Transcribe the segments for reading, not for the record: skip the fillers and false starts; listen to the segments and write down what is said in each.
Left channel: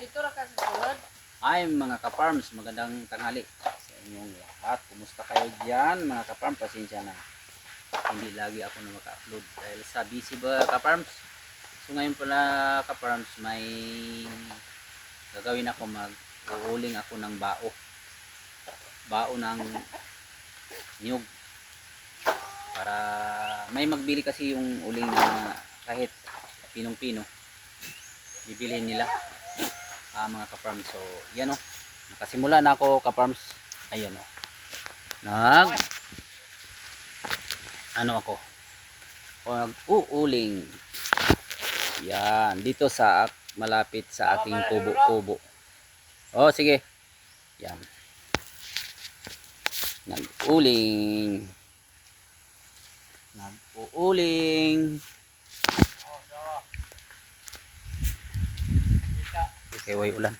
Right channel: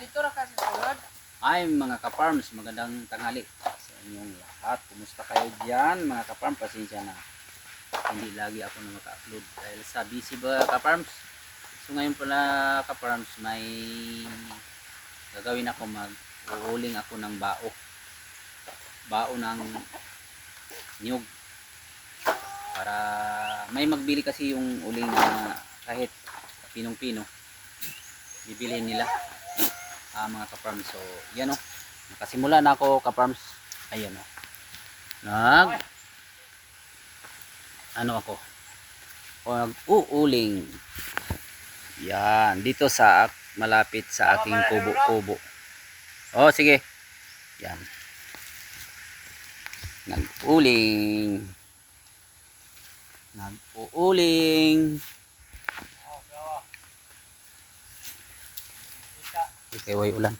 dito ra ka sa sulod. Ay mga ka-farms, magandang tanghali sa inyong lahat. Kumusta kayo dyan mga ka-farm? Pasensya na hindi lagi ako na maka-upload dahil sa busy ba ka-farms. So ngayon pala ka-farms, may gagawin ako, mag-uuling ako ng bao ng niyog para may magbili kasi yung uling na kahit pinong-pino bibilhin nila mga ka-farms. So yan o, nakasimula na ako ka-farms. Ayan o, nag-uuling yan dito sa malapit sa aking kubo-kubo. Oh sige, yan, nag-uuling. Okay, way ulan.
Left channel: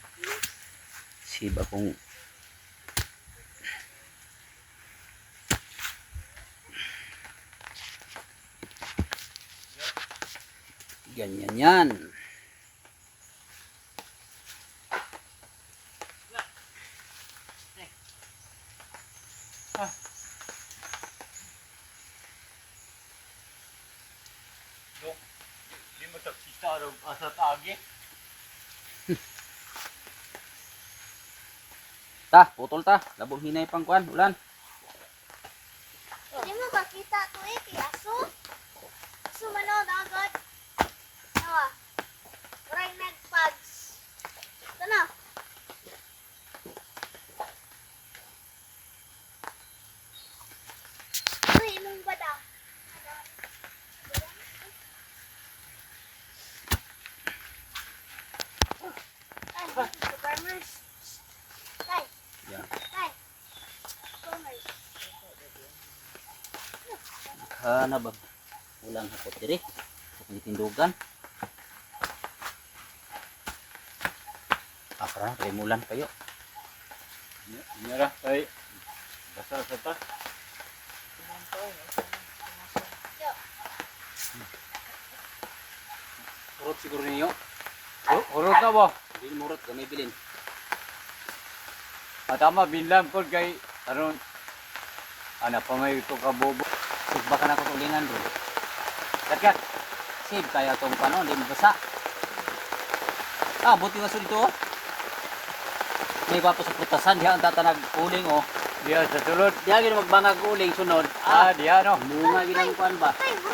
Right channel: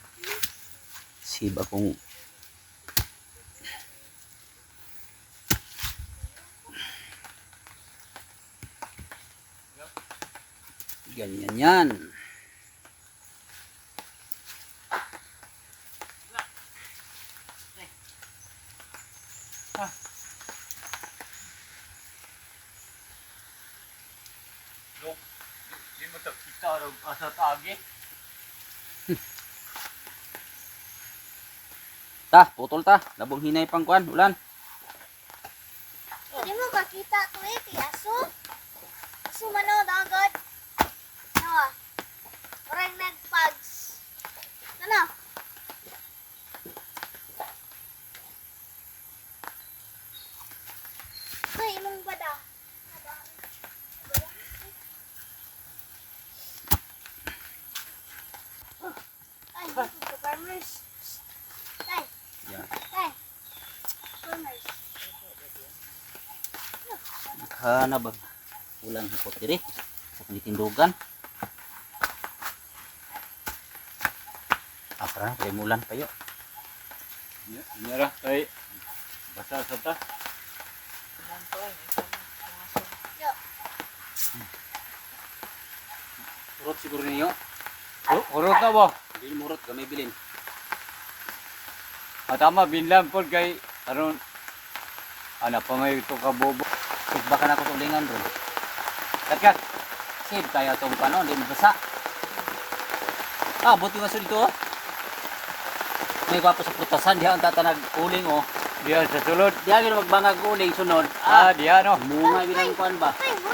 Siba kung ganyan yan. Di mo ta kita ro asa taagi. Ta, putol ta. Labong hinay pang kuan, ulan. Hindi mo makita ko aso. Aso mano agad. No. Orang nagpags. Sana. Ay, imong bada. Ay, farmers. Tay. Yan. Tay. Farmers. Hana ba? Ulang hapot diri sa tindugan. Para remulan kayo. Nyara ay basa sa ta. Urot siguro niyo. Uro ka ba? Hindi murot gamay bilin. Tama binlam pod kay aron ana pa may ito ka bobo. Sigba ka na ko ulingan ro. Kat. Save kaya tong kanon, hindi mabasa. Buti nga sa dito. May gwapo sa prutasan, diha ang tatanag uling o. Diya sa sulod. Diha gina magbangag uling sunod. Diya no. Munga ginang kuan ba? Tay, mo.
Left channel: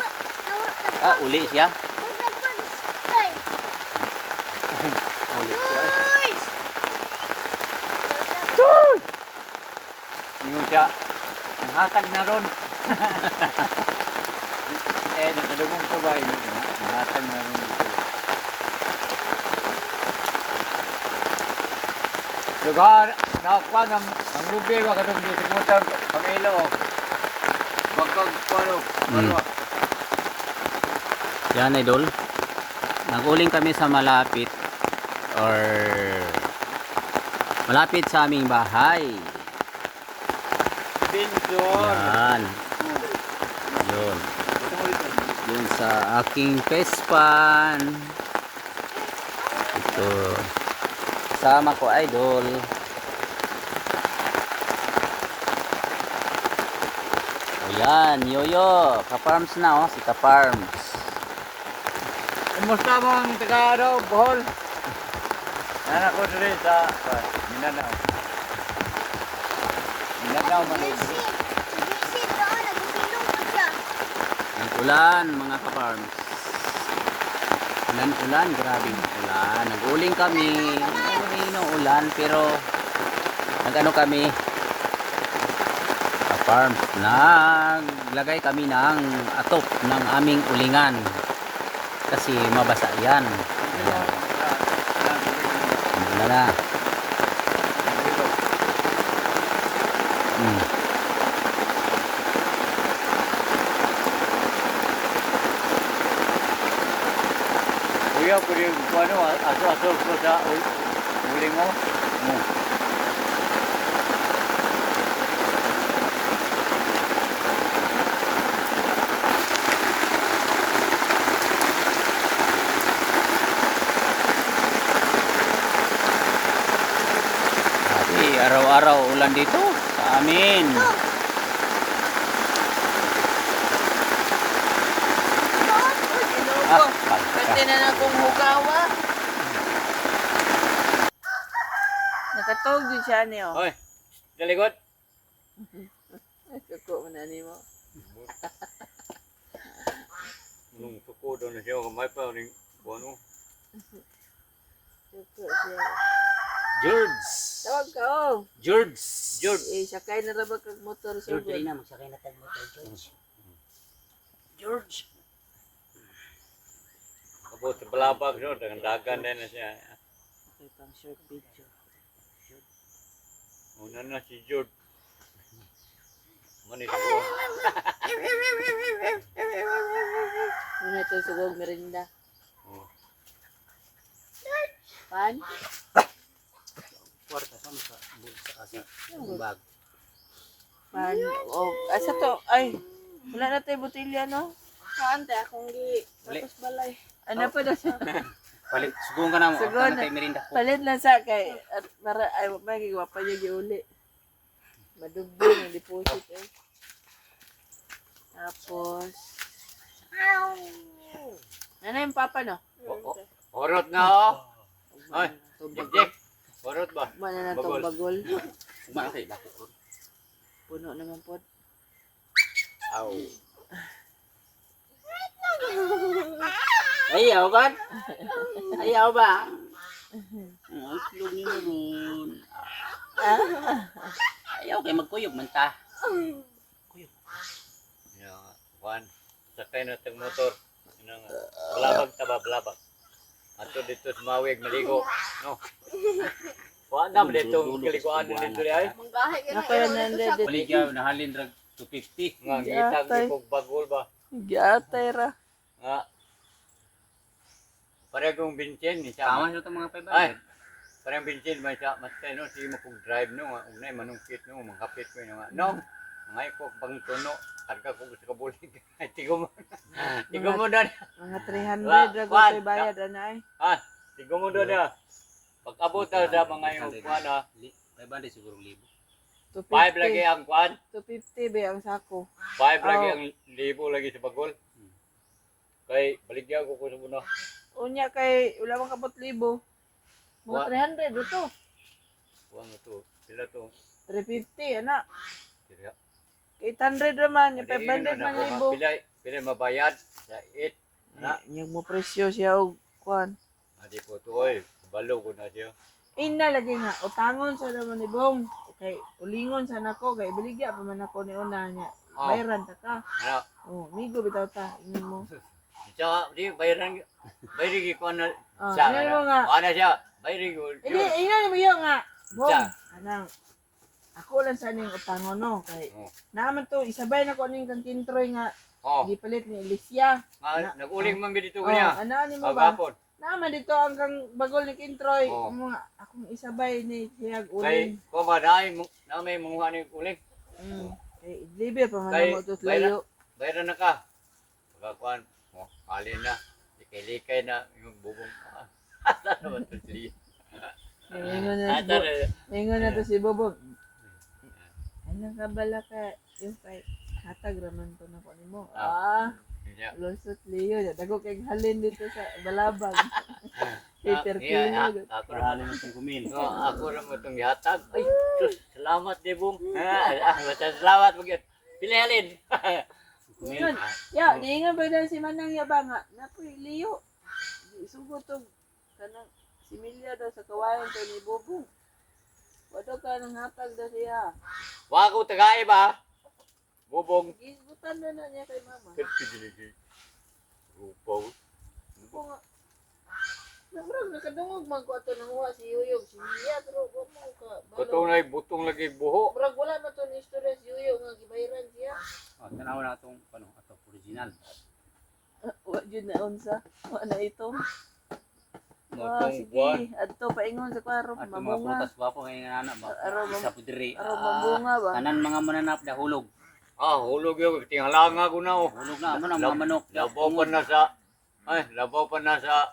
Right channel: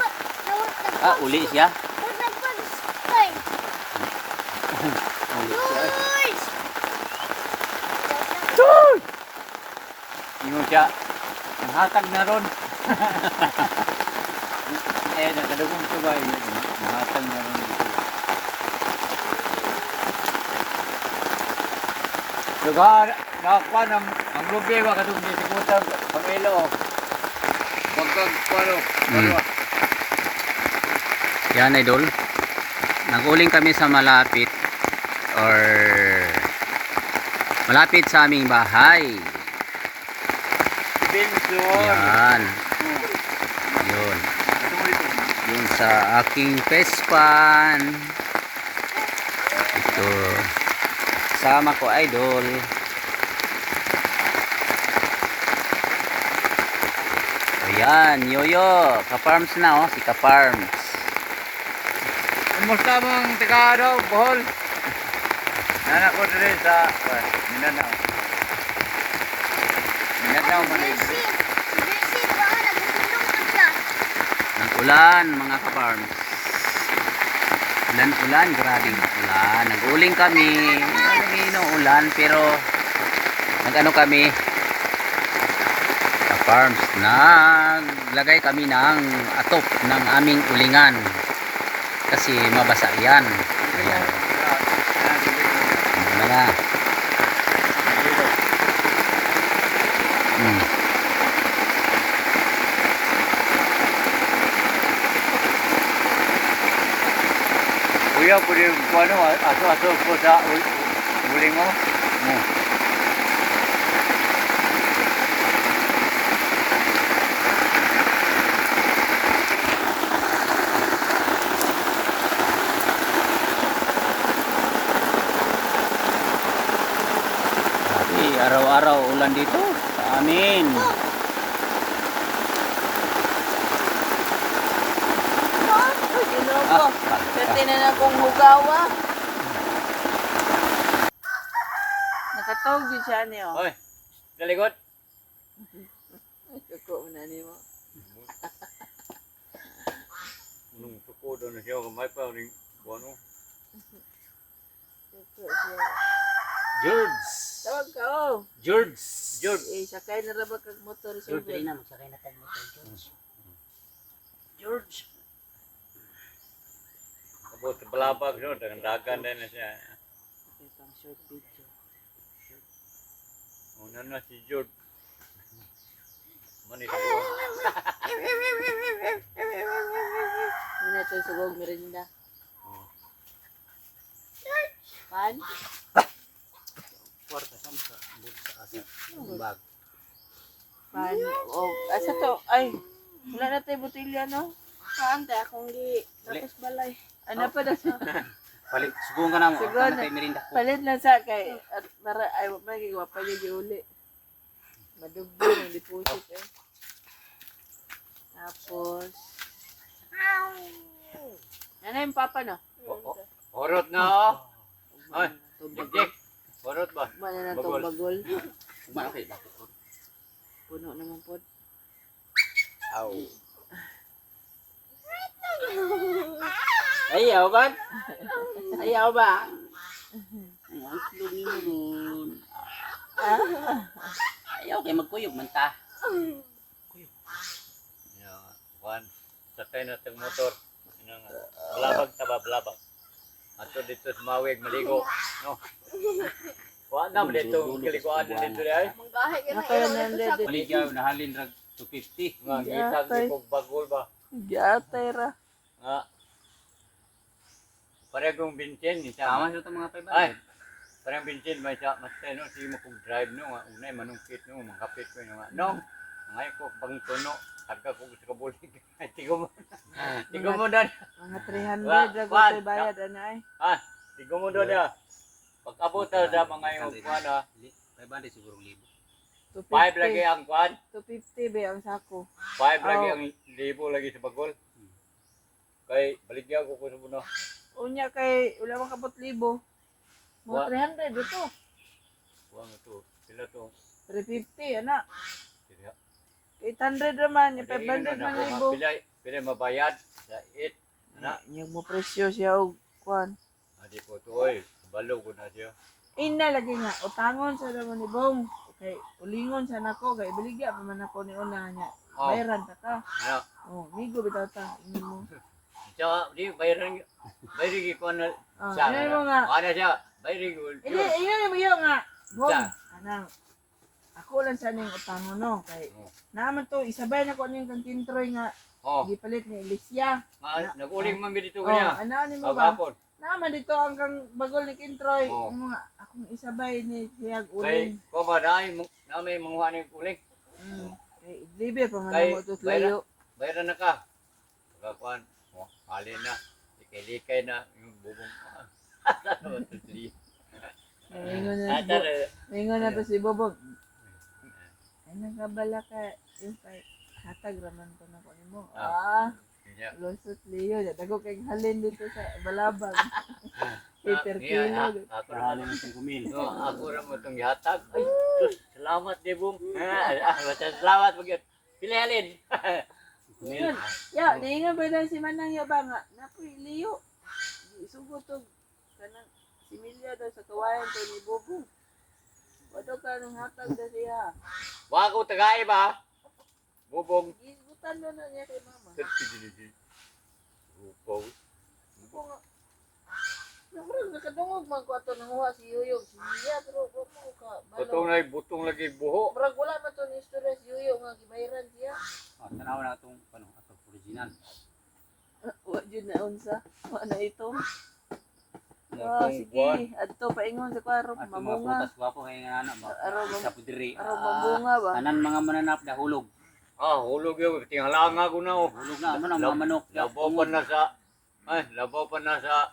Uli siya. Nagpags. Tay. Uli siya. Guys. Ingon siya. Ang hatag na ron. Nakadugong ito ba? Ang hatag na ron. Lugar, nakakuha ang lubi ko katong di sigutang Pamelo. Bagkag palo. Yan idol. Nag-uling kami sa malapit sa aming bahay. Benson. Yan. Yun. Yun sa aking pespan. Ito. Sama ko idol. Ayan, yoyo. Ka-farms na oh, si ka-farms. Kumusta mong taga daw, Bohol? Nanak ko dito sa Mindanao. Mindanao man dito. Si ba nagulong pa siya. Nag-ulan mga ka-farms. Ulan, grabing ulan. Nag-uling kami. Ano ulan pero nag-ano kami ka-farms. Naglagay kami ng atop ng aming ulingan. Kasi mabasa yan. Ayan. Ano na. Kuya, pwede ko ano, aso-aso ko sa uling mo. Araw-araw ulan dito sa amin. Ginoo ko. Kati na na kong hugawa. Nakatawag din siya niyo. Oy, dalikot. Kuko mo na ni mo. Nung tuko doon na siya, kamay pa rin buwan mo. Kuko siya. George. Tawag ka oh. George. Eh, sakay na rabag kag motor sa George, ugon. dali na magsakay na tag motor, George. George. Tapos sa balabag no, dagan din na siya. Okay, pang short video. Una na si George. Manit ko. Muna ito sugog merinda. Pan? Kwarta sa mga sa bag. Pan. O, asa to? Ay, wala na tayo botilya, no? Kaante akong gi. Tapos balay. Ano pa na sa... Palit, subukan ka na mo. Subukan Subukan na. na merinda ko. Palit na sa kay... At para, ay, magigawa pa niya giuli. Madugbo yung deposit, eh. Tapos... Ano yung papa, no? Orot na oh. Ay, Tubag. Jack. Orot ba? Mana na Bagol. itong bagol. Kumain kayo bakit ko. Puno naman po. Aw. Ayaw ba? Ayaw ba? Ang itlog niyo ron. Ayaw kayo magkuyog man ta. Ya, Juan. Sakay na tag motor. Ina nga. Balabag ta ba, balabag. Ato dito sa Mawig maligo, no. Wa na mo dito kalikuan dito di ay. Manggahe ka na. Napaya na dito. Paligyaw na halin rag 250. Nga ngitag Yatay. ni kog bagol ba. Gatay ra. Nga. Paregong Vincent ni Tama sama. siya itong mga 500. Ay. Parang Vincent may sa mas no sige mo kog drive no nga unay manungkit no mangkapit ko nga. No. Ngay ko bang tuno. Karga ko sa kabulig. Ay tigo mo. Tigo mo dan. Mga 300 Wa- ra Juan, ko bayad ana ay. Ha. Tigo mo dan ya. Pag-abot ta sa mga yung kuan ha. 500 siguro libo. 5 lagi 250. ang kuan. 250 ba ang sako? 5 lagi Oh. ang libo lagi sa bagol. Kay baligyan ko sa muna. Unya kay wala man kabot libo. Wa- Mga 300 dito. Kuha mo to. Sila to. 350 ana. Kaya. 800 naman, yung 500 man libo. Pila mabayad sa 8. Na. Yung mo presyo siya og kuan. Adi po to oy. Balo ko na siya. Ina lagi nga utangon sa naman ni Bong. Kay ulingon sa nako kay baligya pa man ako ni una niya. Oh. Bayaran ta ka. Ano? Oh, migo bitaw ta ingin mo. Siya di bayaran. Bayari ko na. Ah, Siya. ingin mo nga. Ano siya? Bayari ko. Hindi, ingin mo yun nga. Bong, Siya. anang ako lang sa ning utangon no kay Oh. naman to isabay na ko ning kang kintroy nga Oh. gipalit ni Alicia. Nag-uling man dito Oh, kanya. ano ni mo ba? Pagkapon. Naman dito ang kang bagol ni Kintroy. Oh. Mga akong isabay ni Kuyag Kay Uling. ko ba na may mga ni uling. Kay libe pa nga Kay mo ito layo. Bayaran na ka. Pagkakuan. Oh, kali na. Likay-likay na yung bubong. Asa naman to siya? Mingon na to si Bobog. Ano ka bala ka yung kay hatag raman ko na ko nimo. Lusot liyo. Dago kay halin dito sa balabag. Peter Kilo. Ako Parali rin. ng 5,000. Ako rin mo itong yatag. Ay, Diyos, salamat Debong. Salamat mo yun. Pilihalin. Yun. Ya, niingon ba na si Manang Yaba nga. Napoy liyo. Isugo to kanang similya daw sa kawayan to ni Bobong. Wado ka nang hatag daw siya. Wala ko tagay ba? Bubong. Gisgutan na niya kay mama. Rupaw. Ako nga. Namurag nakadungog man ko ato nanguha si Yuyog. Si Mia, pero mo ka. Butong lagi buho. Murag wala man to ni istorya si Yuyog nga gibayaran siya. Tanaw na itong original. Wa jud na unsa. Wa na ito. Matong buwan. Sige. Adto paingon sa kwaro. At mga Mamunga. putas gwapo kay nga ana ba. Araw Sa pudiri. mamunga ba? Tanan mga mananap da hulog. Hulog yun. Tinghalang ako na. Hulog na amo na mga manok. Labaw pa na sa... Ay, labaw pa na sa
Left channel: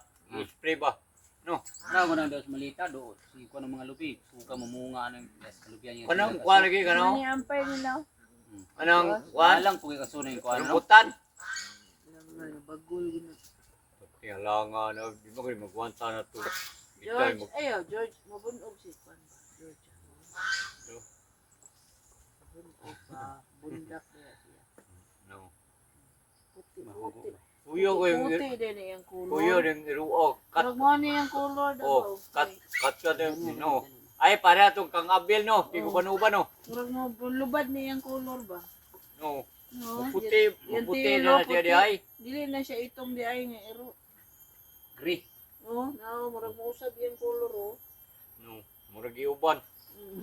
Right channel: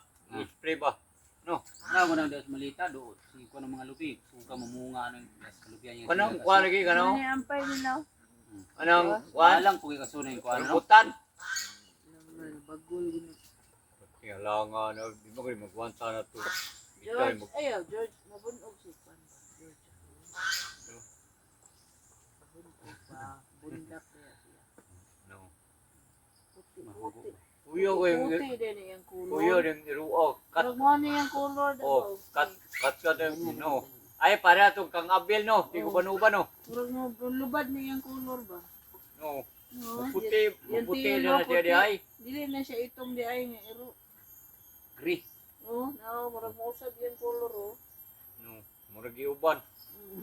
spray ba? Wala mo nang dos malita do si ko ng mga lubi. Suka mamunga ng kalubian yung. Kanang kuha lagi Ano kanang ni ampay nila? anong Wala kuha lang kung ikasunay ko ano. rambutan. Bagol gina. Tingalangan na di mo ko magwanta na to. George, ayo George, mabunog si Juan ba? George. Mabunog ba? Bundak na siya. No. Puti. Kuyo ko yung Puti din yung kulor. kuyo yung iruog kat Parang mo niya yung kulor daw. kat no. Ay para to kang abil no. Di ko panuba no. Parang mo lubad niya yung kulor ba? No. No. Puti Yung puti tilo, na siya di ay. Dili na siya itong di ay nga ero. Gri. Oh, no, marag mo usab yung kulor oh. No. Murag iuban.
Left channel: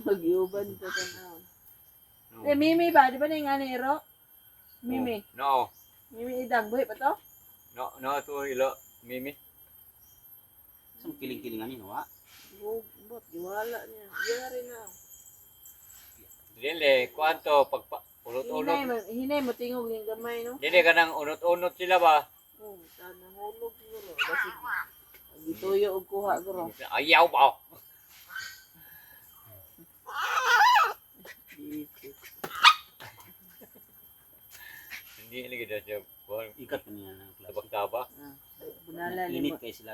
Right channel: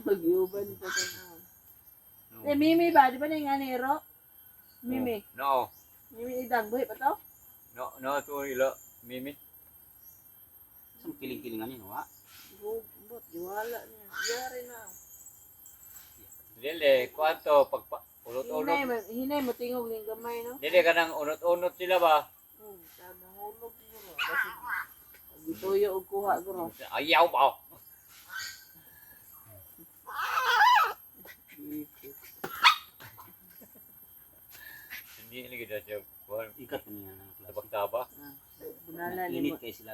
Magyuban ka tanaw. No. Eh, Mimi ba? Di ba na yung ani ero? Mimi. No. Mimi idang buhi pa to? No, no to ilo Mimi. Sum kiling-kiling ani no wa. Bot, diwala niya. Yari na. Dili kwanto pagpa ulot-ulot. Hinay mo tingog ng gamay, no? Dili ka nang unot-unot sila ba? Sana hulog siguro. Kasi, gituyo og kuha guro. Ayaw ba? Hindi lagi dah siya kuha. Ikat niya ng klase. Tabak-tabak. Bunala ni Init mo. kay sila.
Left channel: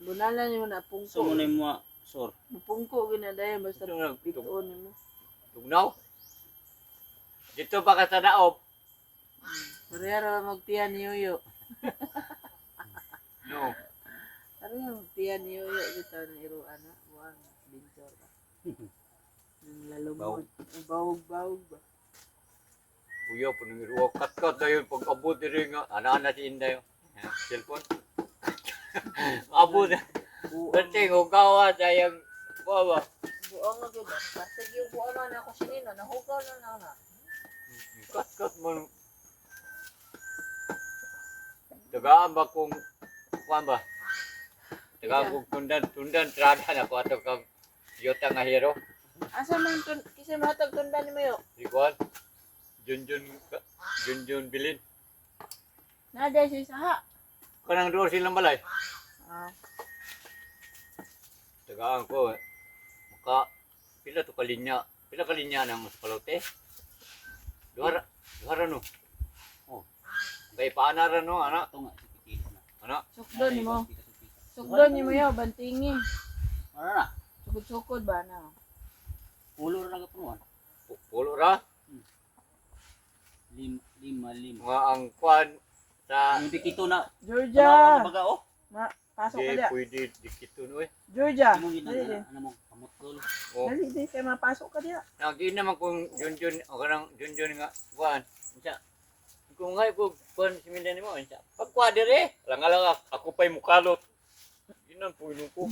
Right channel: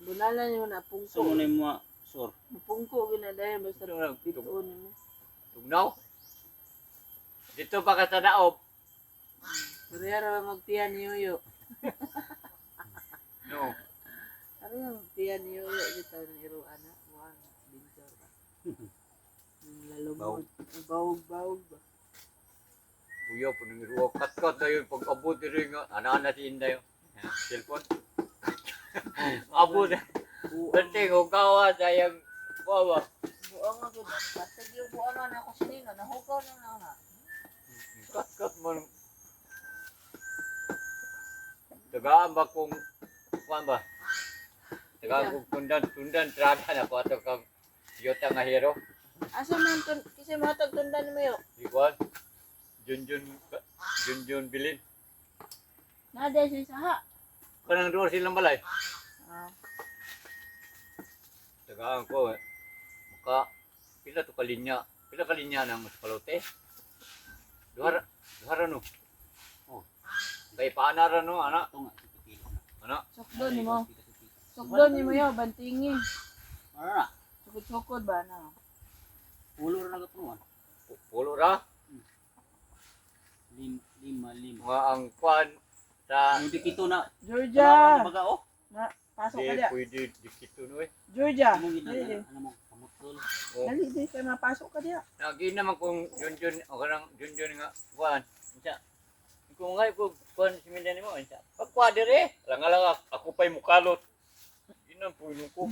Bunala ni mo na So pungko. mo mo sor. Pungko ginadayon basta Ano, pituon mo. Tugnaw? Dito pa ka sa daop. Pero magtiyan ni Yoyo. No. Ano yung tiyan ni Yoyo dito ni Iruan na? Muang binsor ba? Ang lalumod. Ang bawog-bawog ba? Kuya po nang iruwa. Kat-kat na yun. Pag abot rin nga. Ana-ana si Inday. Cellphone. Abot. Berting, hugawa sayang. Bawa. Buong nga gud. Pasig yung buong nga na ako sinino. Nahugaw na na. Kat-kat mo. Tagaan ba kung kuan ba? Tagaan kung tundan trada na ko ato kang yota nga hero. Asa man kasi matag tundan mo yo. Di kuan. Junjun bilin. Nada si saha. Kanang doon silang balay. Ah, Tagaan ko. Maka pila to kalinya. Pila kalinya ng kalote. Duhara no. Oh. Kay paanara no ana. Ito nga si Tito na. Ana. sukdon ni mo. Sukdon ni mo yo bantingin. Ano na? Sukod-sukod ba na? Ulo ra na punuan. Pulo ra. Lima. Mga ang kuan sa Hindi kito na. Georgia. Baga oh. Pasok ka di diya. pwede dikito no eh. Georgia. Ano Dali di. ano mo kamutol. Oh. Dali di kay mapasok ka diya. Lagi naman kung junjun o kanang junjun nga kuan. Unsa? Kung nga ko kuan si Mindan mo unsa? Pagkuha dire. Lang ako pa'y mukalot. Ginan po yung ko.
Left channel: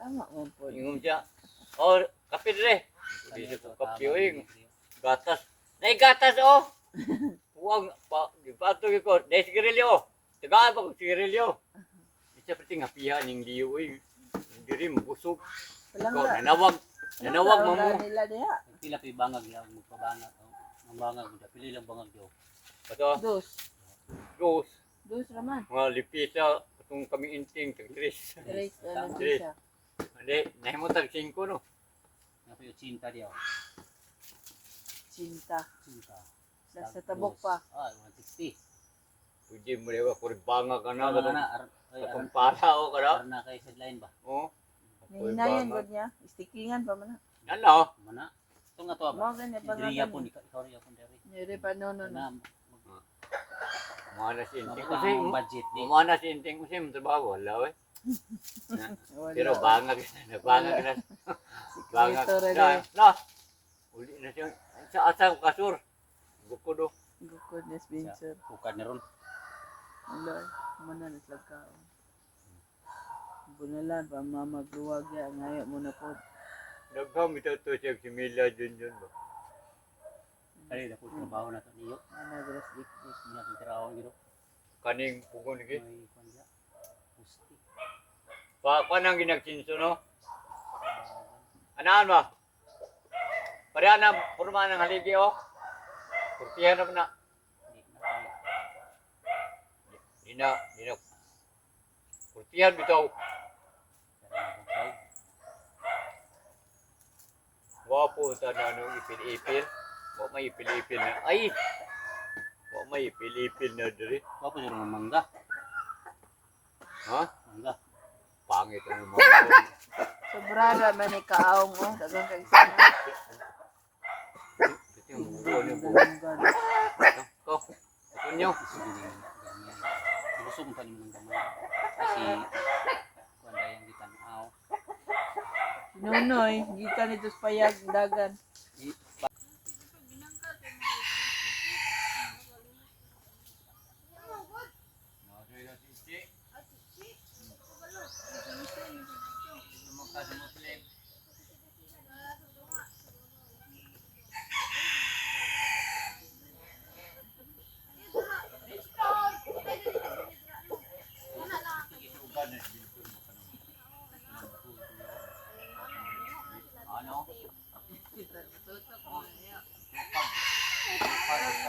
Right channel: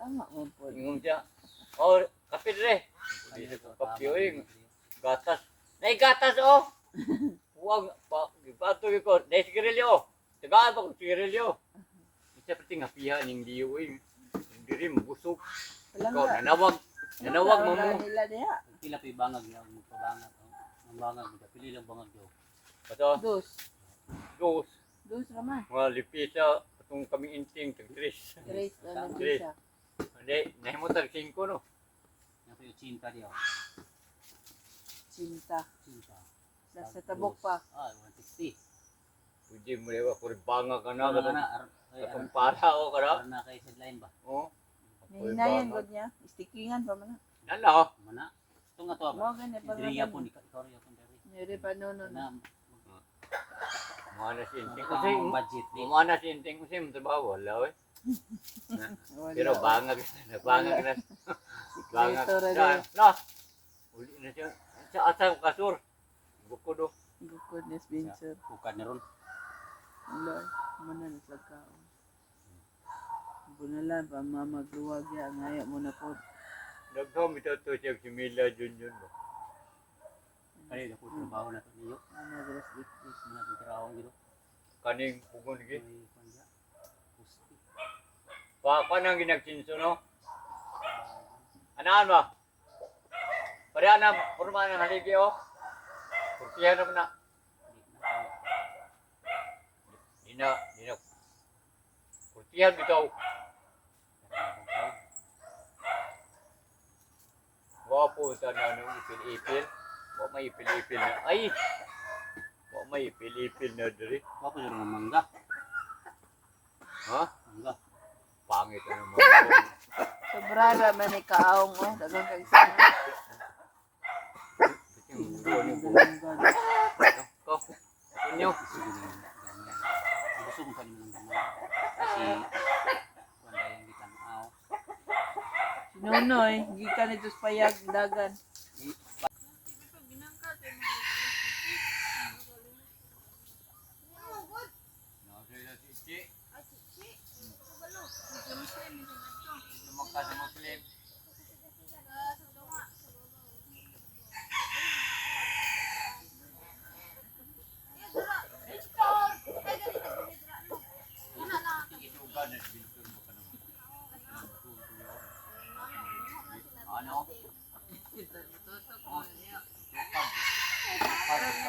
Tama mo po. Ingong siya. Oh, kape dire. Hindi sa ko kape oy. Gatas. Nay gatas oh. Huwag pa gipato ko. Nay sigarilyo. Tagaan pa ko sigarilyo. Isa pati nga pihan yung diyo oy. Diri mabusog. Palangga. Nanawag mo mo. Nila diya. Pila pi bangag lang magpabangag. Ang bangag pili lang bangag yo. Ato, Dos. ghost. Dos raman. Mga lipisa. Itong kami inting. Tagtris. Erase ano Tres. siya. Hindi. Nahimutag 5 no. Nga po yung cinta diyo. Cinta. Cinta. Sa tabok pa. Ah, 160. Pwede mo rin ako banga ka na. Ano na? Kung para o ka na. Na kay sideline ba? Oh. Hinayan gud niya. Stickingan pa man. Ano? Mana? Ito nga to. Mo gani pa Diriya po gani. ikaw riya po diri. Nire pa no. Na Mga na si inting. mabaka Kasi ang budget di. mga na si inting kasi mo trabaho. Wala eh. Wala. Pero bangag na. Bangag na. Bangag Sikreto ra na. di. No. Uli na siya. Sa asang kasur. Bukudo. Gukod ni Spencer. Bukad ni ron. Wala. Mana na slag ka. Bunalan pa mamagluwag ya ngayo mo na po. Nagham ito to siya si Mila Junjun ba? Kali na po trabaho na to niyo. Ana gras dikdik. Mga trabaho giro. Kaning pugon lagi. May kanya. Pusti. Pa nang ginagsinso no? Anaan ba? Pareha na purma ng haligi oh. Kurtihan na na. Di na. Kurtihan bitaw. gwapo ta na nung ipil-ipil. Wa may ipil-ipil na. Ay. Wa may ipil-ipil na diri. Wapo sa mga mangga. Ha? Mangga. Pangit ang mga. Sobrada man ni kaong oh, dagang kag sana. To. Kunyo. Gusto mo pa naman ng gamay. Kasi wala yung gitanaw. Sinunoy, gikan ito sa payag dagan. Nasay na sisi. Lumakad sa Muslim. Itugan na dito mo ka ano?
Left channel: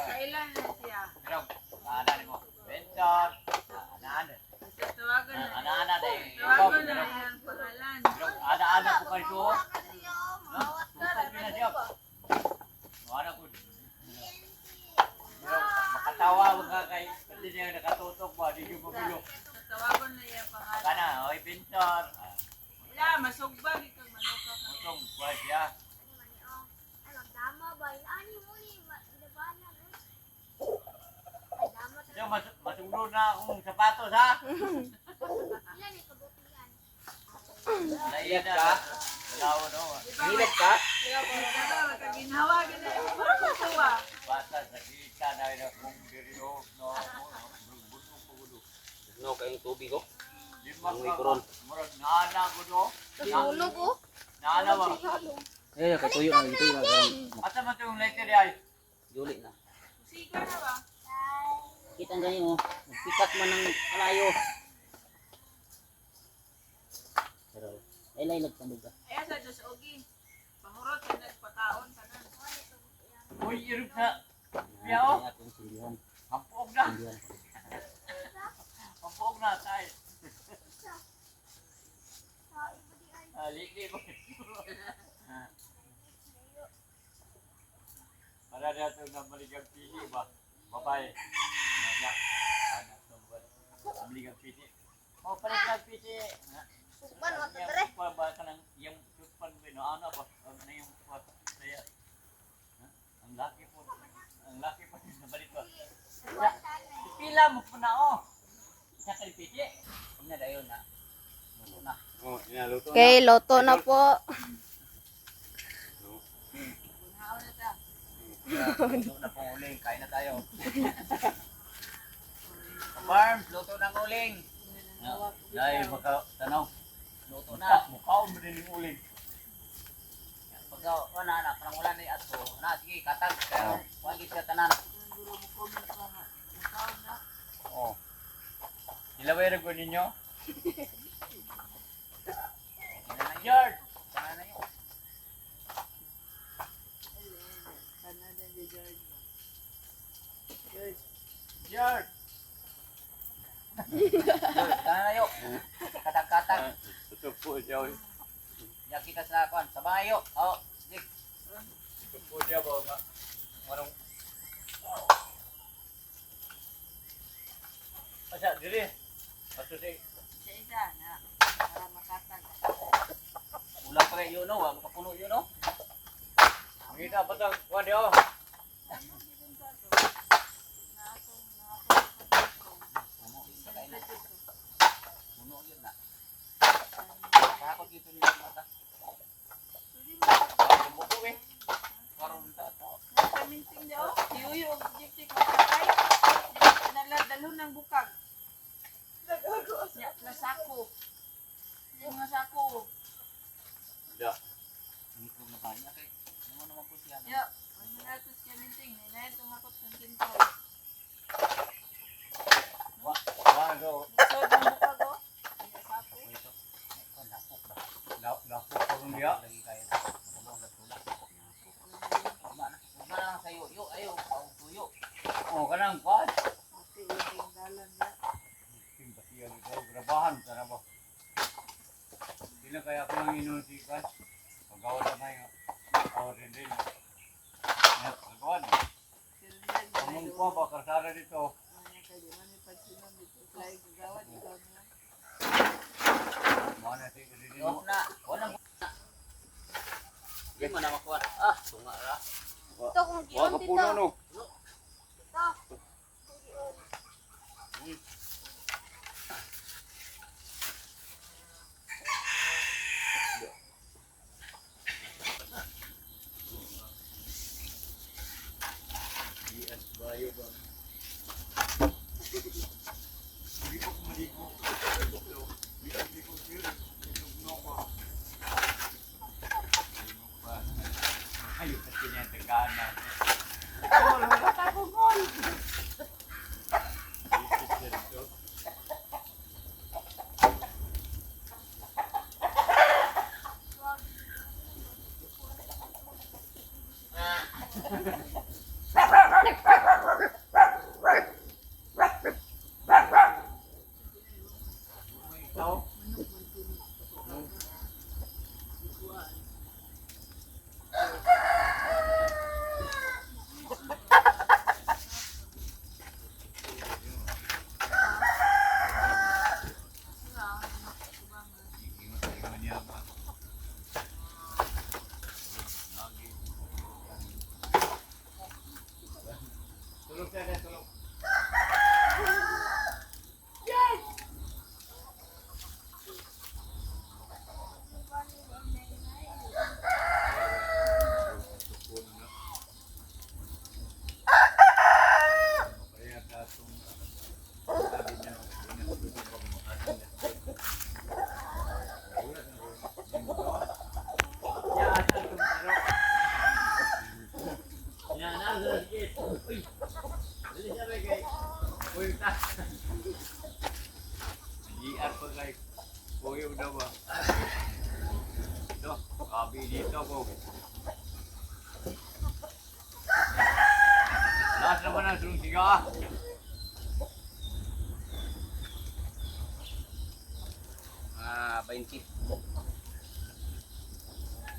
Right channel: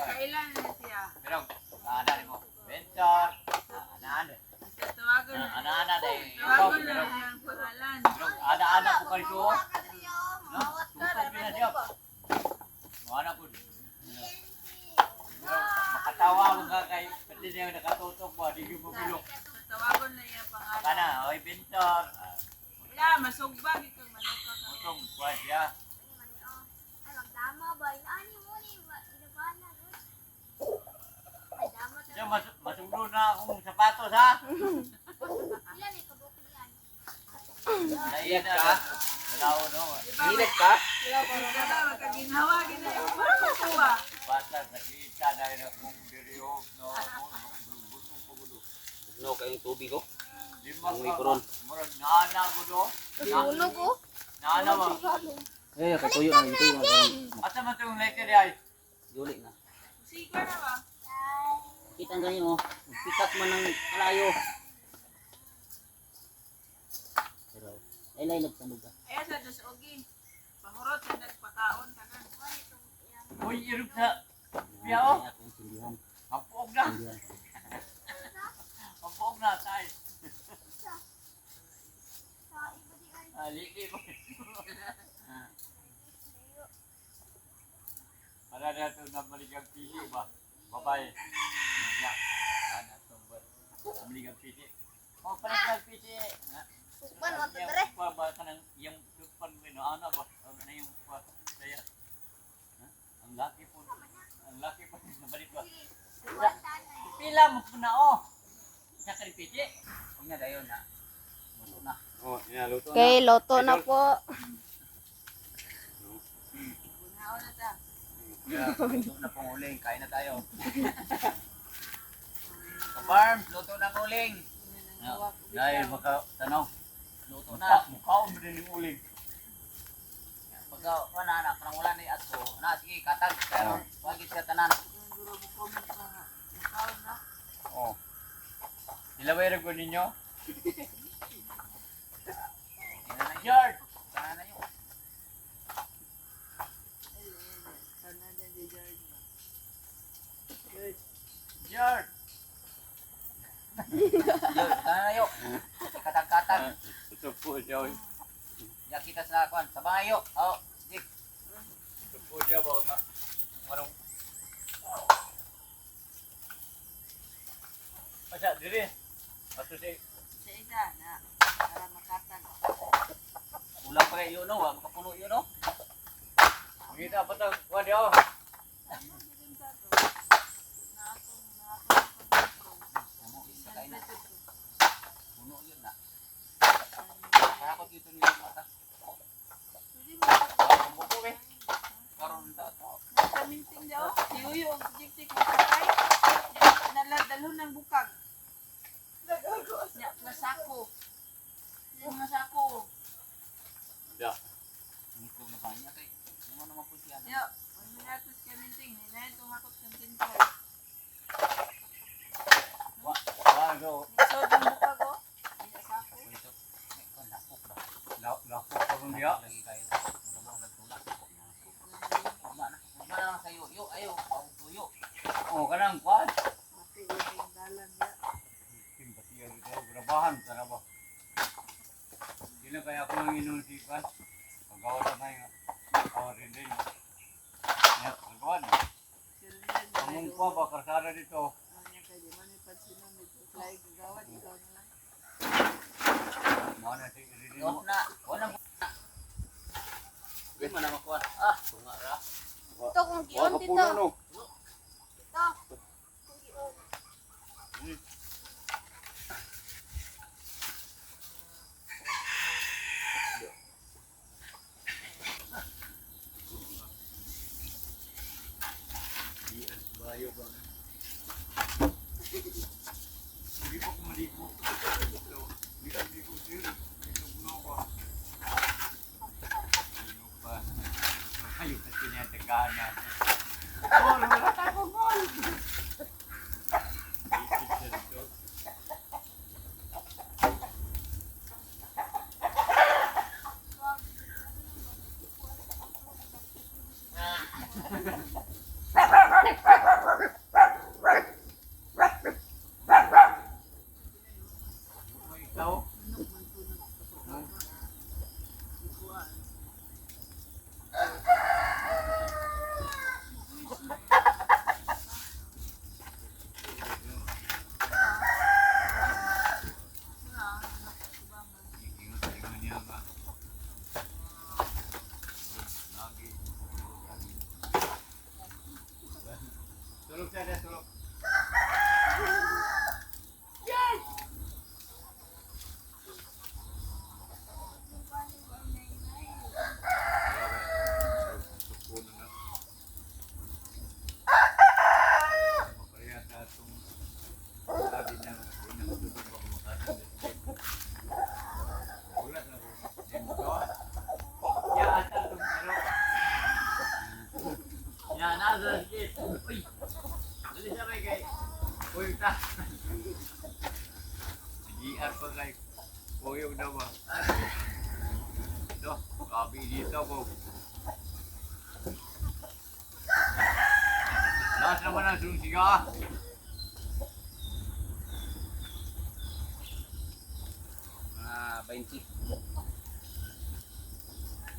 Kailan na siya? Pero, ana mo. Benchon. Ana. Tawagan na. Ana dai. Tawagan na yung pangalan. Pero, ana ko kalso. No? Susod na siya. Ana ko. Pero, makatawa mo ka kay pati niya nakatutok ba, di ko bumilo. Tawagan na yung pangalan. Kana, oy Benchon. Wala, masugbag ikang manuka ka. Utong kwa siya. Siya masugro na akong sapatos ha. Naiyan na. Dalaw no. Hilit ka? Kaginhawa, ginagawa ko tuwa. Basta nakita na yun akong diriyo. No. Bunong ko gulo. No, kayong tubig ko. Di Ang mikron. Murag naana ko do. Sunog ko. Naana ba? Eh, kay tuyo na dito na karang Asa man itong letter ay? juli na. Siga na ba? Kita ang ganyan mo. Pikat man ng kalayo. Pero, ay nagtandog ka. Ayan sa Diyos Ogi. Pangurot yung nagpataon ka na. Uy, irog sa. Yan, kaya akong sindihan. Hapog na. Sindihan. Hapog na tayo. Liki mo. Para na ito na maligang pili ba? Babae. Nanya. Anak ito ba? Maligang pili. Oh, palit na pili. Sukman, Yung pa ba ka ng yung pan ano ba? Ano yung pa kaya? Ang laki po. Ang laki po nabalik ba? Pila mo po na oh. Sa pili. Huwag na dayon na. Luto na. Oh, inaluto Okay, loto na po. Luto na pong uling. Kain na tayo. Farms, luto ng uling. Dahil makatanaw. Luto na. Mukhaon mo din yung uling. Pagka, wala na, parang wala na yung ato. Na, sige, katag. Pwede sa tanan. Oh. Ilaway ko ninyo. George! Tanan na yun. George! Yun, tanan na yun. Katag-katag. Ito po siya. Yan kita sa kwan. Sa bayo. Oh, sige. Ito po siya ba nga. Anong... Asa, dili. Ato si... Sa isa na para makatag. Ulang pa rin yun, no? Wag makapuno yun, no? Ang kita pa tang... Wadi ako. Puno, isa kain na. Puno yun na. Kakot dito niyo yung mata. Buko, eh. Karoon tato. Kaminting daw. Yuyo, gypsy kung sakay. Naladalo ng bukag. Ya, plus sako. Yung mga sako. Ya. Ito na ba niya, kay? Ano naman po siya? Yo, ano na ito si kaminting. Nila itong hakot ng tinto. Wado. So, yung bukag oh. Yung sako. Ito. Ito, nakok ba? Lako pa rin diya. Lagi kayo. Matulong na tulak. Tama na. Tama na lang sa'yo. Yo, ayaw. Pawag tuyo. Oh, kanang kwan. Pati yung dalan na. Simpatiyan ito. Grabahan ka na ba? Hindi na kaya ako manginom si Kwan. Paggawa na nga. Oh, rin. Ya, kawan. Among ko ba kasara dito? Mana sih rin mo? Na, wala mo. Di man na makuha. Ah, tunga ra. Ito kung Wa giyon ka dito. puno no. Yes, bayo ba? Hindi ko maligo. Hindi ko sila. No ba? Ayos sa tinataganan. Ikaw? Tulog tayo, tulog. Lahat naman ang susiga. Ah, 20.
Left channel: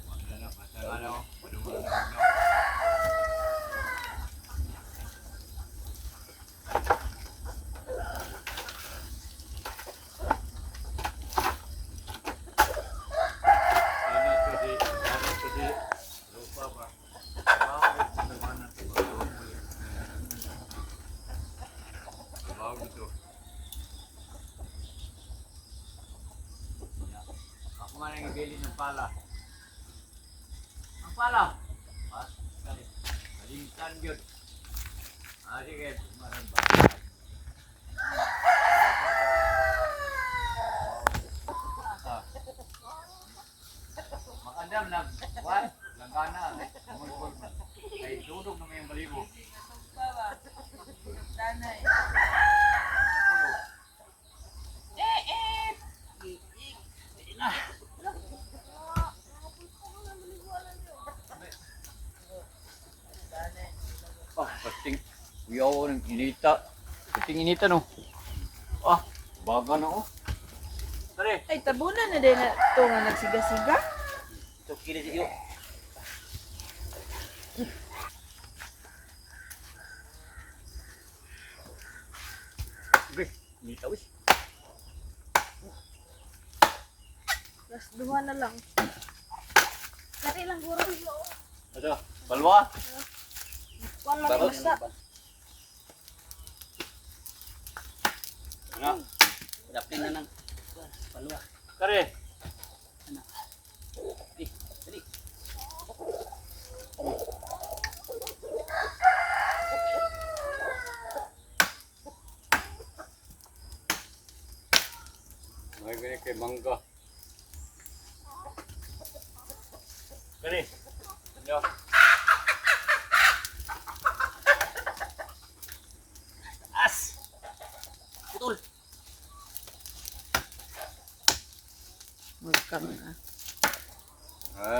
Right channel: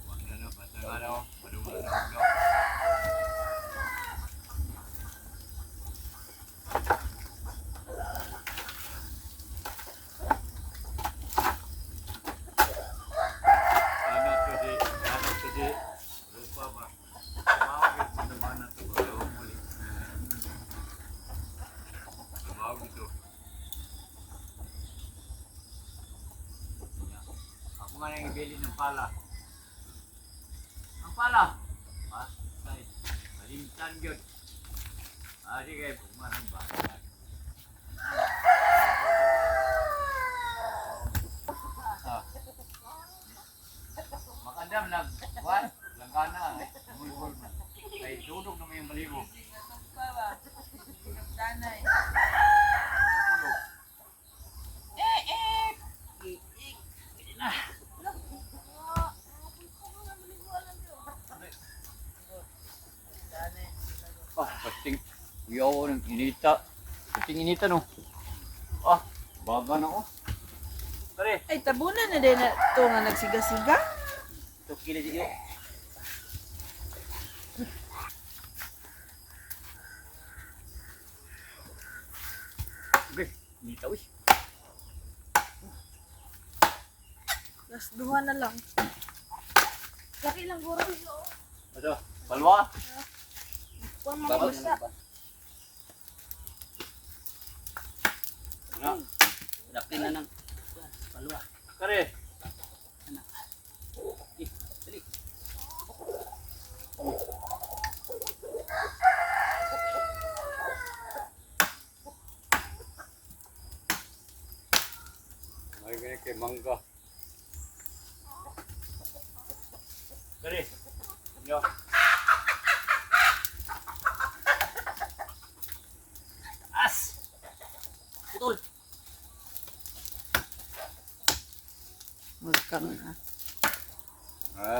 Wala na, basta nga na, madungan na, no? Ano to di, lupa ba? Bakit naman ang tumawa mo yun? Tumawa ito. Ako nga nang bili ng pala. Ang pala? Ha? Kali. Kalintan yun. Sige, pumarang ba? Makadam na, what? Langkana, mulbol na. Ay, tulog na may balibo. Danay. Tulog. Pasting. Uyaw ng inita. Pasting inita no. Baga na oh. Tare. Ay, tabunan na din na ito nga nagsiga-siga. Ito kini siyo. Okay, inita us. Las duha na lang. Kani lang guro yo. Ito, balwa. Wala Babag basta. na ba? Ano? Dapin na ng palwa. Tare. Dali. May ganyan kay mangga. Tare. Ano? As. Putol. Magkam na. Ha?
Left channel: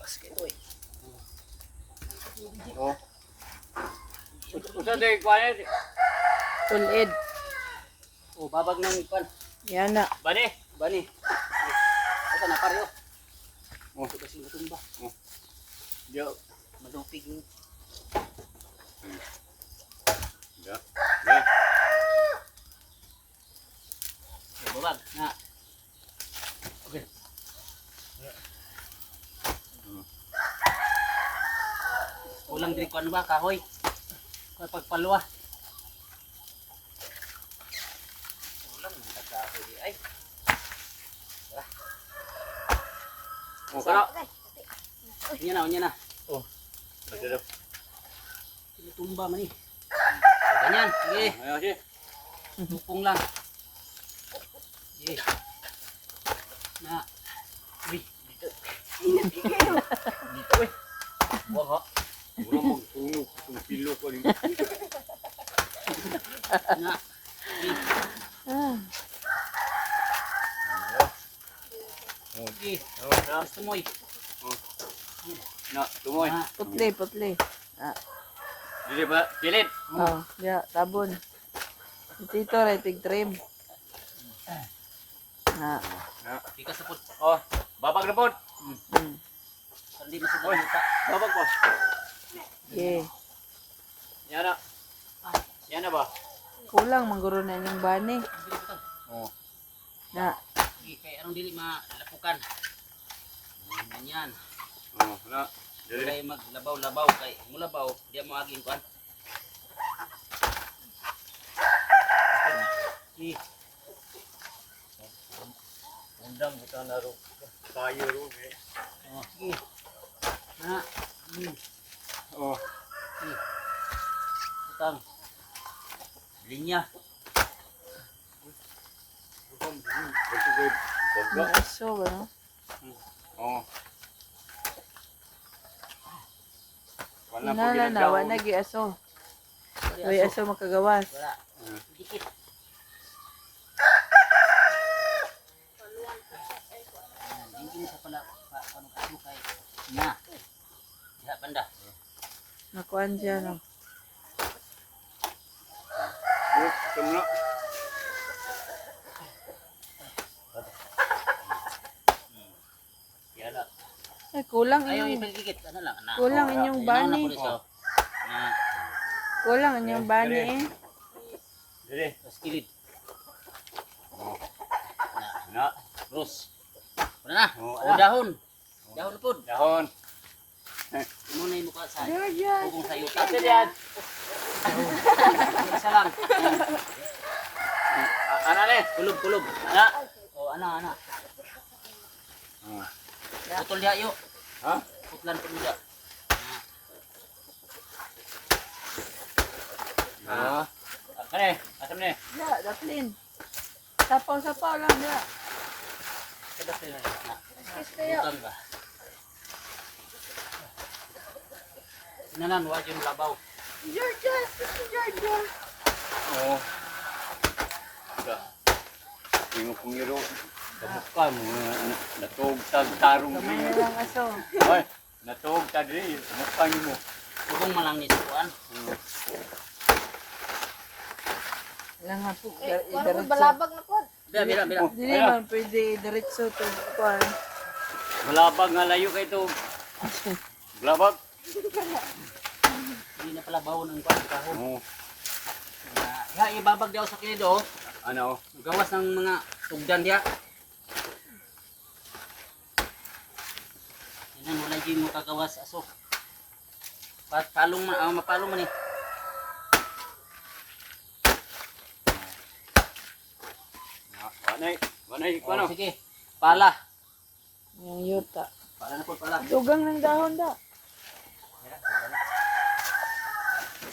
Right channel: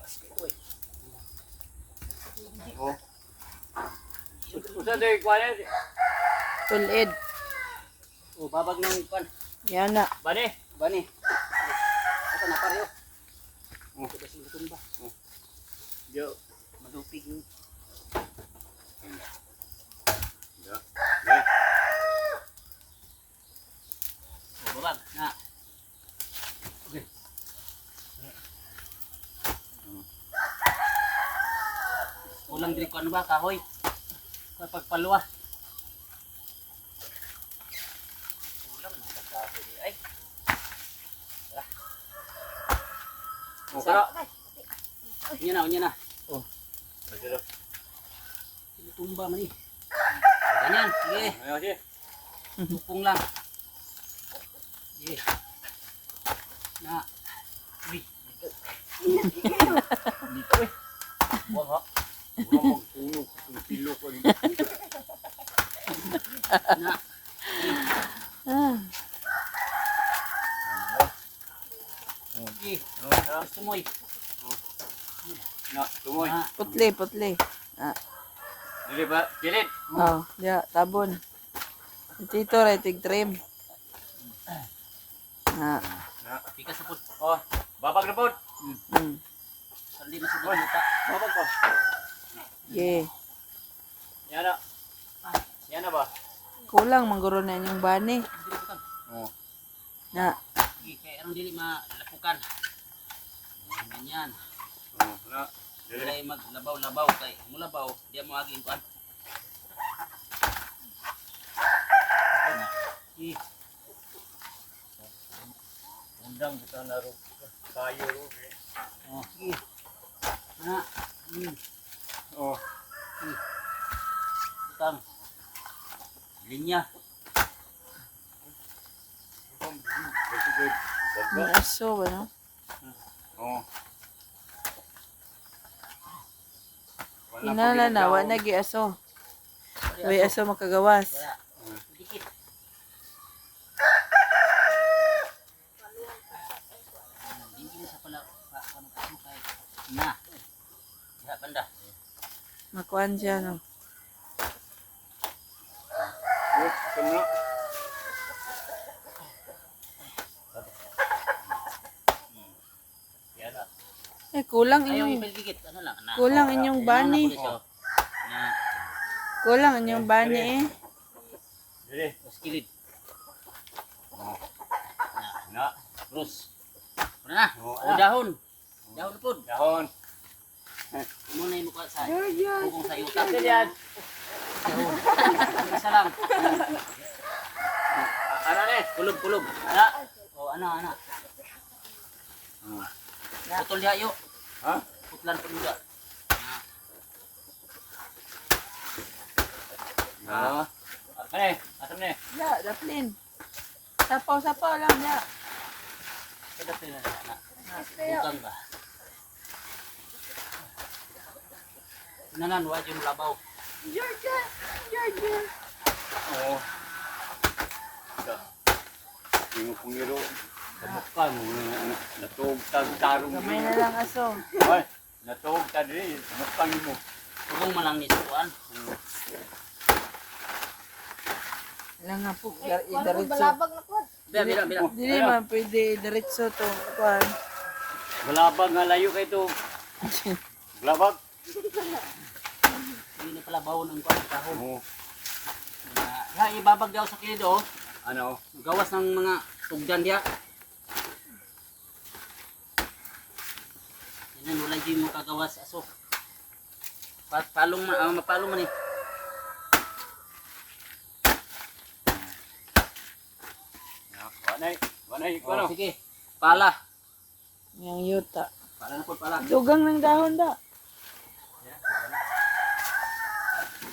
Pas kay toy. Oh. Usa day kwanet. Tulid. Oh, babag ng pan. Yan na. Bani. Bani. Asa na pare? Oh. Ito sila tumba. Yo. Malupig yun. Ya. Ya. Babag na. Okay. Kulang diri ko ano ba kahoy? Pagpaluwa. Kulang man ka kahoy di ay. Oh, kara. Unya na. Oh. Ada. Tumba man eh. Ganyan, sige. Ayo. Tupong lang. Sige. Na. Di. Dito eh. Wah. Wala magtunog kung pilo ko rin. Na. Ah, Sige. Gusto mo eh. Na, tumoy. Na. putli. Ah, Dili ba? Kilit. oh, ya, tabon. Dito ray tig trim. Na, Na. Ika sa put. Oh, babag na pod. Sandi masud ang yuta. Babag pa. okay. Yan na. Yan na ba? Kulang mangguro na inyong bani. Dili butang. Oh. Na, Sige, kay anong dili malapukan. Ganyan. Oh, na. Dili. Wala maglabaw-labaw kay mulabaw, di mo aging kuan. Sige. Undang kita na ro. Tayo ro. Oh, sige. Na. Oh. Sige. Butang. Linya. na aso ba no? Oh. Inala na, wala gi aso. Way aso makagawas. Wala. Dikit. Hindi sa pala paano aso kay na. Diha banda. Makuan siya no. Oh, kumna. Yan na. Eh, kulang Ayaw inyong ipagdikit. Ano lang na. kulang inyong bani. Na Kulang inyong bani eh. Dili. skilid. Oh. Na. Na. Rose. Ano na? Oh, O dahon. Dahon na po. Dahon. Muna yung mukha sa Yan. hugong sa yuta. Dahon. Isa lang. Ana ni. Kulog. Ana. O ana. Oh. Putol diha yo. Ha? Putlan po nila. Ah. Ani, asam ni. Ya, daplin. Sapaw lang ya. Kada pa na. Butang ba? Nanan wa yung labaw. Georgia. Oh. Ka. Ingo pungiro. Kamusta mo natog tarong Kamay na lang aso. Ay, natog ta diri. Kamusta mo? Hugong malang ni sukuan. Lang nga po. Wala Diretso. balabag na po. Bila. Dili man pwede diretso to. Kuan. Balabag nga layo kay to. Balabag. Hindi na pala bawo ng kuan kahon. Oh. Ya ibabag daw sa kilido. Ano? Gawas ng mga tugdan diha. Yan wala din mo kagawas aso. Mapalong man eh. Wanay ko Oh, ano? sige. Pala. Yung yuta. Pala na po pala. Dugang ng dahon da.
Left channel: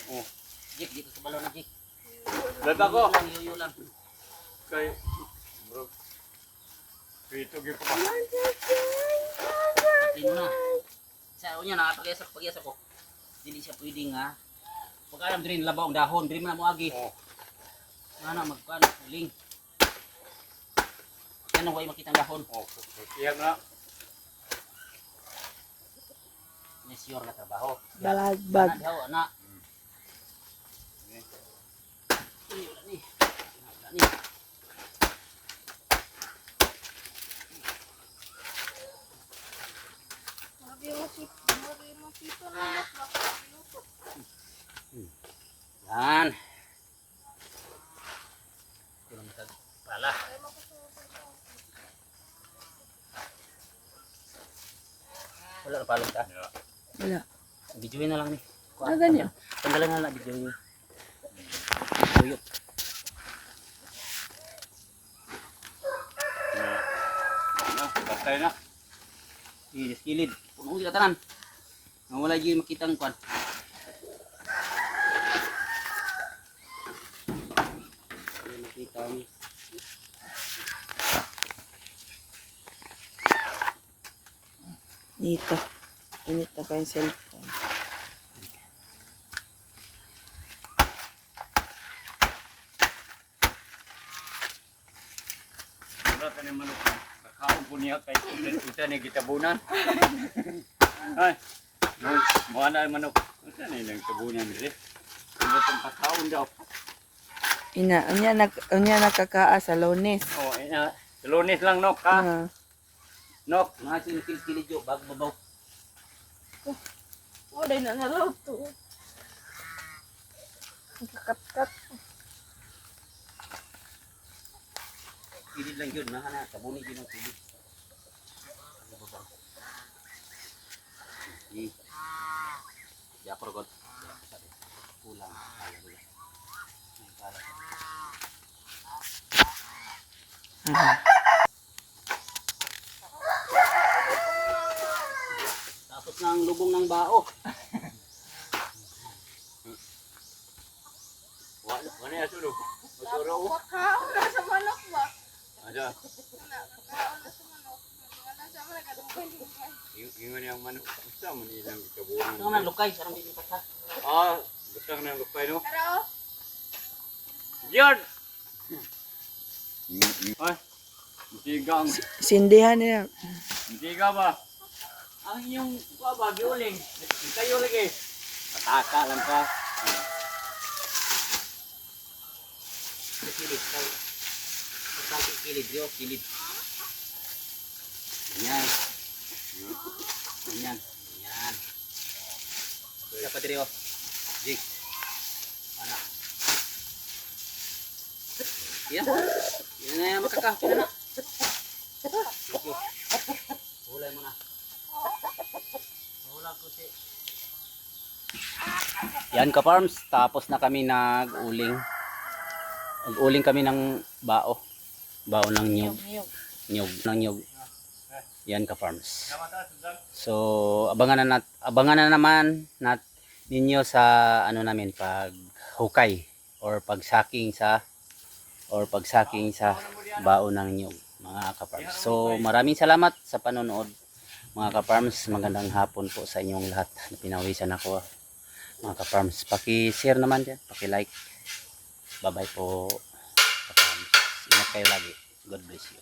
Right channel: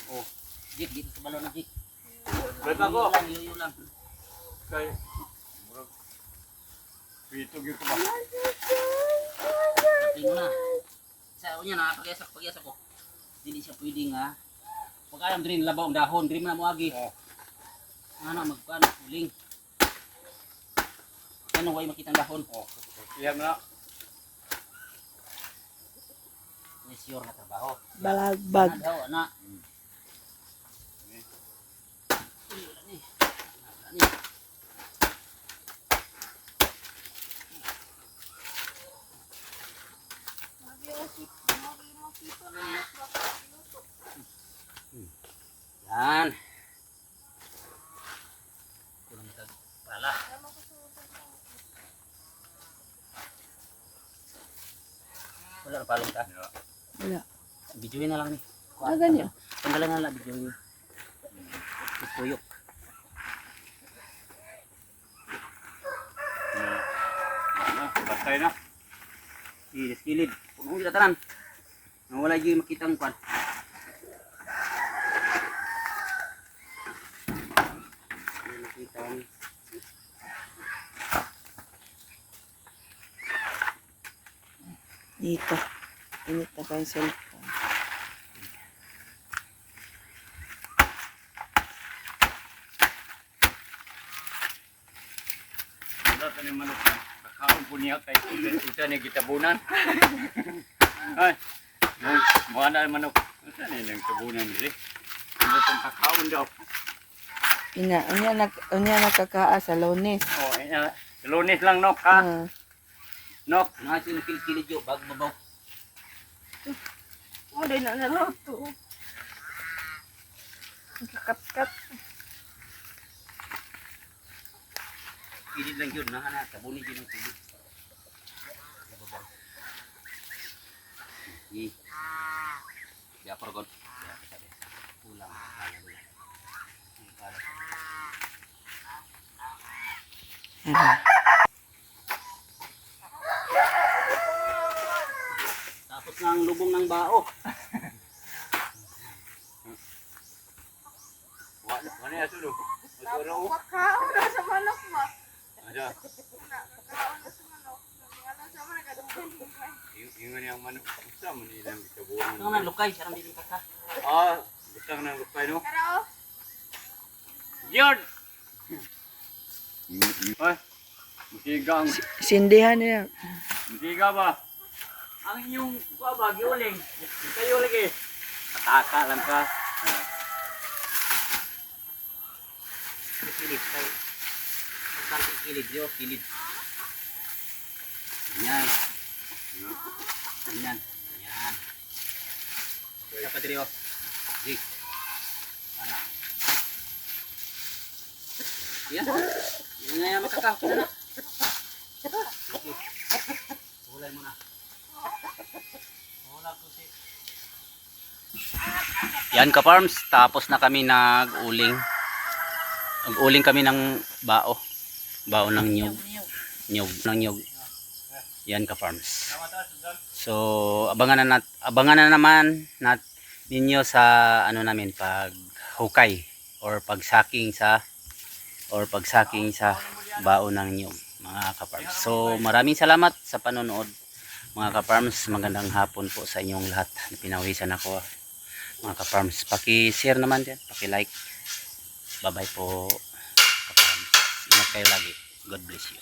Oh. Jik dito sa balon na jik. Balabag ko. Yuyo lang. Kay bro. Pito gyud ko ba? Pino na. Sa unya na pag-iasa ko. Dili siya pwedeng ha. Pag alam din labaw ang dahon, diri man mo agi. Oh. Ana magkuan uling. Yan way makita ang dahon. Oh. Iyan na. Ni sure na trabaho. Balagbag. Ana daw ana. Wala ni. Wala ni. Wala na palong ka. Wala. Videoin na lang ni. Ganyan. Tanggalan na lang videoin. Tuyok. Bastay na. Kilid. Puno sila tanan. Nawala yung makita ang kwan. Nakita ang Dito. Init na pa yung cellphone. Wala tayo manok. Kakaon po niya kay usa ni gitabunan. Ay. Mo ana manok. Usa ni nang tabunan diri. Ano tong kakaon daw. Unya nakakaa sa Lunes. Oh, Lunes lang nok ha. Nok. nasin kilid yo bag babaw. Oh, dahil na naluto. Kat-kat. Kilid lang yun. Nahana. Tabuni yun ang kilid. Di ako ragod. Kulang. Tapos ng lubong ng bao. Wala ya sulo. Masuro. Kakaon na sa manok ba? Ada. Kakaon na sa manok. Wala sa manok kadungkay. Ingon yang manok. Usa man ilang gitabunan. Ano nang lukay? Sarang dito ka. Ah, butang nang lupay no. Pero, Yard. Ay. Mutigang. Sindihan niya. Mutiga ba? Ang inyong baba giuling. Kayo lagi. Kataka lang ka. Kilid kay. Pagkakit kilid yo, kilid. Ganyan. Ganyan. Ganyan. Dapat diri oh. Jig. Ana. Yan. Yan na yung makakaw. Kaya na. Okay. Hulay mo na. Hula susi. Yan ka farms. Tapos na kami nag-uling. Nag-uling kami ng bao. Bao ng nyug. Nyug. Ng nyug. Yan ka farms. So, abangan na naman ninyo sa ano namin pag hukay or pagsaking sa bao ng nyug mga ka-farms. So, maraming salamat sa panonood mga ka-farms. Magandang hapon po sa inyong lahat. Pinawisan ako mga ka-farms. Paki-share naman din, paki-like. Bye-bye po ka-farms. Ingat kayo lagi. God bless you.